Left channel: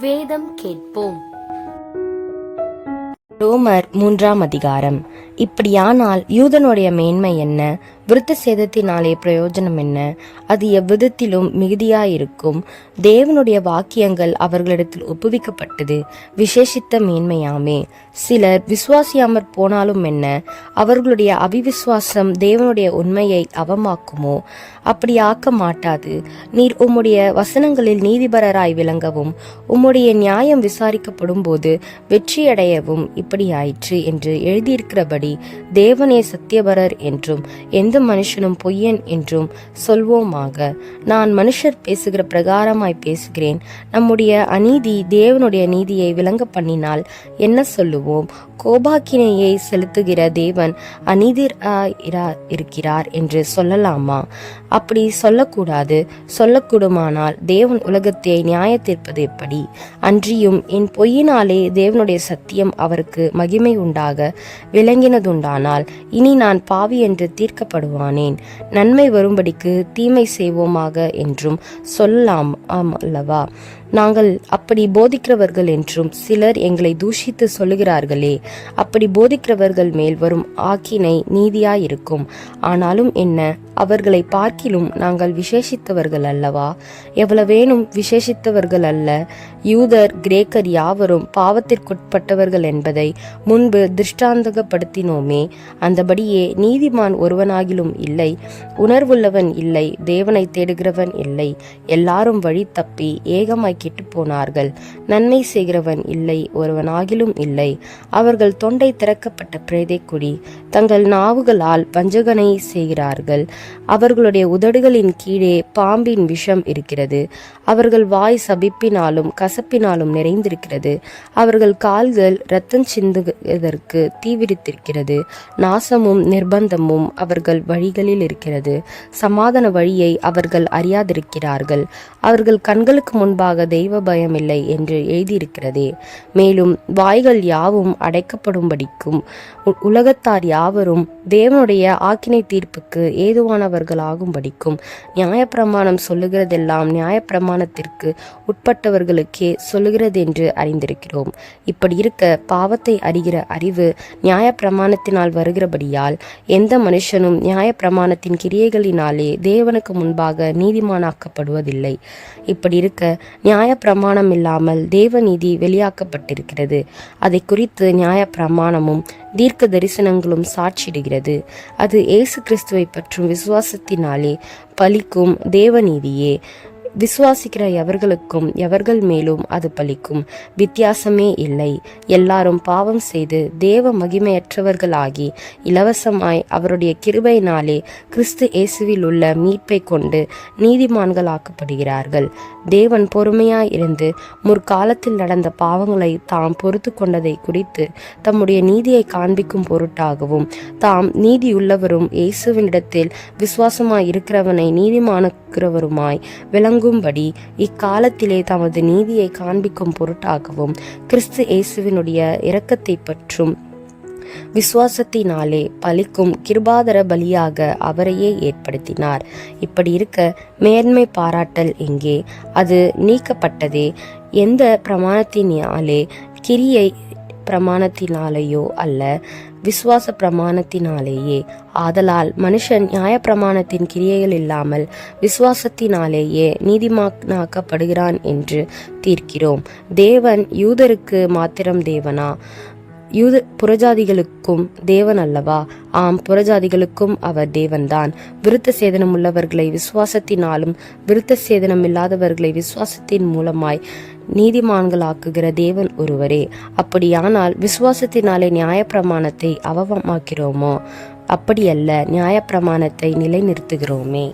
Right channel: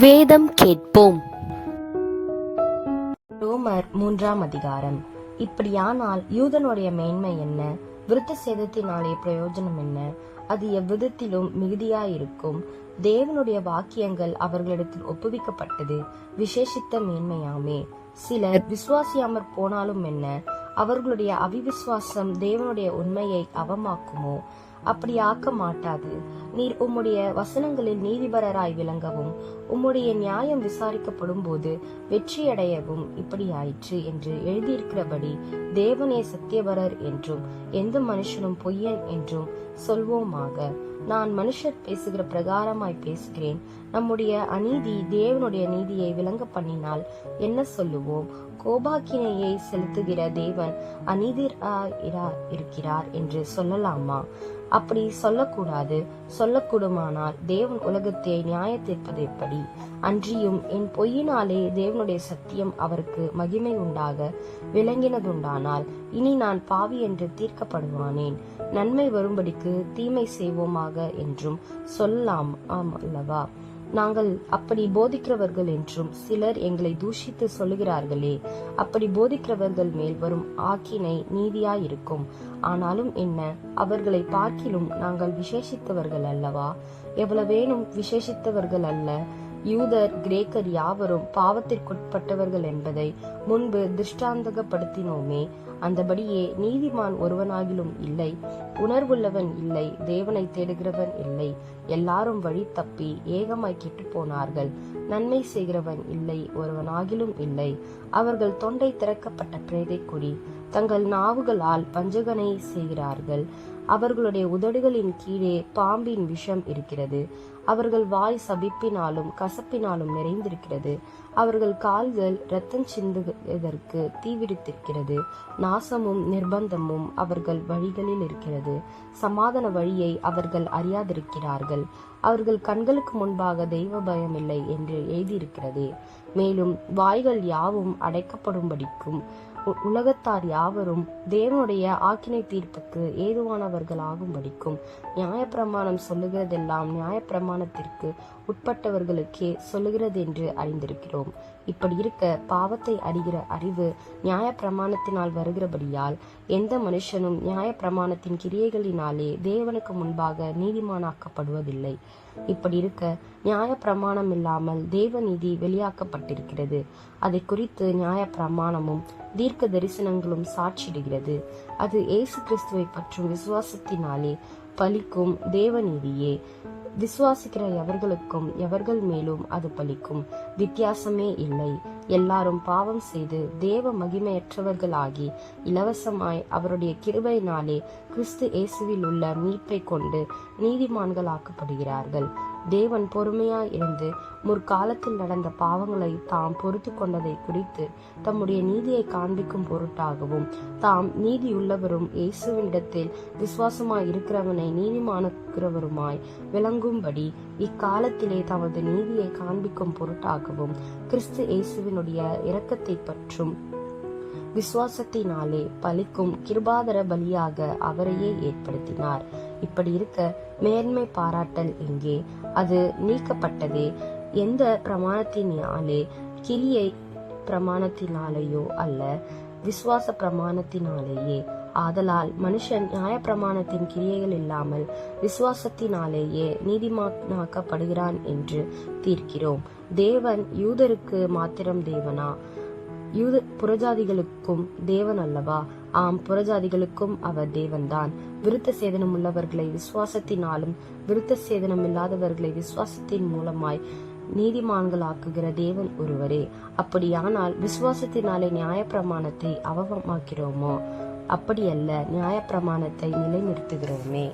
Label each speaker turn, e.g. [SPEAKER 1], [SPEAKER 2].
[SPEAKER 1] வேதம் கேட்போம்.
[SPEAKER 2] ரோமர் மூன்றாம் அதிகாரம். இப்படியானால் யூதனுடைய மேன்மை என்ன? விருத்த சேதத்தினாலே பிரயோஜனம் என்ன? அது எவ்விதத்திலும் மிகுதியாயிருக்கும். தேவனுடைய வாக்கியங்கள் அவர்களிடத்தில் ஒப்புவிக்கப்பட்டது. விசேஷித்த மேன்மையாமே. சிலர் விசுவாசியாமற் போனாலும் என்ன? அவர்களுடைய அவிவிசுவாசம் தேவனுடைய உண்மையை அவமாக்குமோ? அப்படி ஆக்க மாட்டாது நீர் உம்முடைய வசனங்களில் நீதிபரராய் விளங்கவும் உம்முடைய நியாயம் விசாரிக்கப்படும் போது வெற்றியடையவும் இப்படியாயிற்று என்று எழுதியிருக்கிறபடி தேவனே சத்தியபரர் என்றும் எந்த மனுஷனும் பொய்யன் என்றும் சொல்வோமாக. நான் மனுஷர் பேசுகிற பிரகாரமாய் பேசுகிறேன். நம்முடைய அநீதி தேவனுடைய நீதியை விளங்க பண்ணினால் என்ன சொல்லுவோம்? கோபாக்கினையை செலுத்துகிற தேவன் அநீதிரா இருக்கிறார் என்று சொல்லலாமா? அப்படி சொல்லக்கூடாது. சொல்லக்கூடுமானால் தேவன் உலகத்தை நியாய தீர்ப்பது எப்படி? அன்றியும் என் பொய்யினாலே தேவனுடைய சத்தியம் அவருக்கு மகிமை உண்டாக விளங்கினதுண்டானால் இனி நான் பாவி என்று தீர்க்கப்படும் தீர்க்கப்படுவானேன் நன்மை வரும்படிக்கு தீமை செய்வோமாக என்றும் சொல்லலாம் அல்லவா? நாங்கள் அப்படி போதிக்கிறவர்கள் என்றும் சிலர் எங்களை தூஷித்து சொல்லுகிறார்களே. அப்படி போதிக்கிறவர்கள் மேல் வரும் ஆக்கினை நீதியாயிருக்கும். ஆனாலும் என்ன? அவர்களை பார்க்கிலும் நாங்கள் விசேஷித்தவர்கள் அல்லவா? எவ்வளவேனும் விசேஷித்தவர்கள் அல்ல. யூதர் கிரேக்கர் யாவரும் பாவத்திற்குட்பட்டவர்கள் என்பதை முன்பு திருஷ்டாந்தகப்படுத்தினோமே. அந்தபடியே நீதிமான் ஒருவனாகிலும் இல்லை. உணர்வுள்ளவன் இல்லை. தேவனை தேடுகிறவன் இல்லை. எல்லாரும் வழி தப்பி ஏகமாய் கெட்டு போனார்கள் நன்மை செய்கிறவன் இல்லை ஒருவன் ஆகிலும் இல்லை. அவர்கள் தொண்டை திறக்கப்பட்ட பிரேதை குடி தங்கள் நாவுகளால் பஞ்சகனை செய்கிறார்கள். அவர்களுடைய உதடுகளின் கீழே பாம்பின் விஷம் இருக்கிறது. அவர்கள் வாய் சபிப்பினாலும் கசப்பினாலும் நிறைந்திருக்கிறது. அவர்கள் கால்கள் இரத்தம் சிந்துவதற்கு தீவிரித்திருக்கிறது. நாசமும் நிர்பந்தமும் அவர்கள் வழிகளில் இருக்கிறது. சமாதான வழியை அவர்கள் அறியாதிருக்கிறார்கள். அவர்கள் கண்களுக்கு முன்பாக தெய்வ பயமில்லை என்று எழுதியிருக்கிறதே. மேலும் வாய்கள் யாவும் அடைக்கப்படும்படிக்கும் உலகத்தார் யாவரும் தேவனுடைய ஆக்கினை தீர்ப்புக்கு ஏதுவானவர்களாகும்படிக்கும் நியாயப்பிரமாணம் சொல்லுகிறதெல்லாம் நியாயப்பிரமாணத்திற்கு உட்பட்டவர்களுக்கே சொல்லுகிறது என்று அறிந்திருக்கிறோம். இப்படி இருக்க பாவத்தை அறிகிற அறிவு நியாயப்பிரமாணத்தினால் வருகிறபடியால் எந்த மனுஷனும் நியாயப்பிரமாணத்தின் கிரியைகளினாலே தேவனுக்கு முன்பாக நீதிமானாக்கப்படுவதில்லை. இப்படி இருக்க நியாயப்பிரமாணம் இல்லாமல் தேவநீதி வெளியாக்கப்பட்டிருக்கிறது. அதை குறித்து நியாயப்பிரமாணமும் தீர்க்க தரிசனங்களும் சாட்சிடுகிறது அது இயேசு கிறிஸ்துவை பற்றும் விசுவாசத்தினாலே பலிக்கும் தேவநீதியே. விசுவாசிக்கிற எவர்களுக்கும் எவர்கள் மேலும் அது பலிக்கும்? வித்தியாசமே இல்லை. எல்லாரும் பாவம் செய்து தேவ மகிமையற்றவர்களாகி இலவசமாய் அவருடைய கிருபையினாலே கிறிஸ்து இயேசுவில் உள்ள மீட்பை கொண்டு நீதிமான்களாக்கப்படுகிறார்கள். தேவன் பொறுமையாய் இருந்து முற்காலத்தில் நடந்த பாவங்களை தாம் பொறுத்து கொண்டதை குறித்து தம்முடைய நீதியை காண்பிக்கும் பொருட்டாகவும் தாம் நீதியுள்ளவரும் இயேசுவினிடத்தில் விசுவாசமாய் இருக்கிறவனை நீதிமானுக்கிறவருமாய் விளங்கும்படி இக்காலத்திலே தமது நீதியை காண்பிக்கும் பொருட்டாகவும் கிறிஸ்து இயேசுவினுடைய இரக்கத்தை பற்றும் விசுவாசத்தினாலே பலிக்கும் கிருபாதர பலியாக அவரையே ஏற்படுத்தினார். இப்படி இருக்க மேன்மை பாராட்டல் எங்கே? அது நீக்கப்பட்டதே எந்த பிரமாணத்தினாலே கிரியை பிரமாணத்தினாலேயோ அல்ல விசுவாச பிரமாணத்தினாலேயே ஆதலால் மனுஷன் நியாயப்பிரமாணத்தின் கிரியைகள் இல்லாமல் விசுவாசத்தினாலேயே நீதிமானாக்கப்படுகிறான் என்று தீர்க்கிறோம். தேவன் யூதருக்கு மாத்திரம் தேவனா? யூத புறஜாதிகளுக்கும் தேவன் அல்லவா? ஆம் புறஜாதிகளுக்கும் அவர் தேவன்தான். விருத்த சேதனம் உள்ளவர்களை விசுவாசத்தினாலும் விருத்த சேதனம் இல்லாதவர்களை விசுவாசத்தின் மூலமாய் நீதிமான்களாக்குகிற தேவன் ஒருவரே. அப்படியானால் விசுவாசத்தினாலே நியாயப்பிரமாணத்தை அவமாக்கிறோமோ அப்படியல்ல நியாயப்பிரமாணத்தை நிலைநிறுத்துகிறோமே.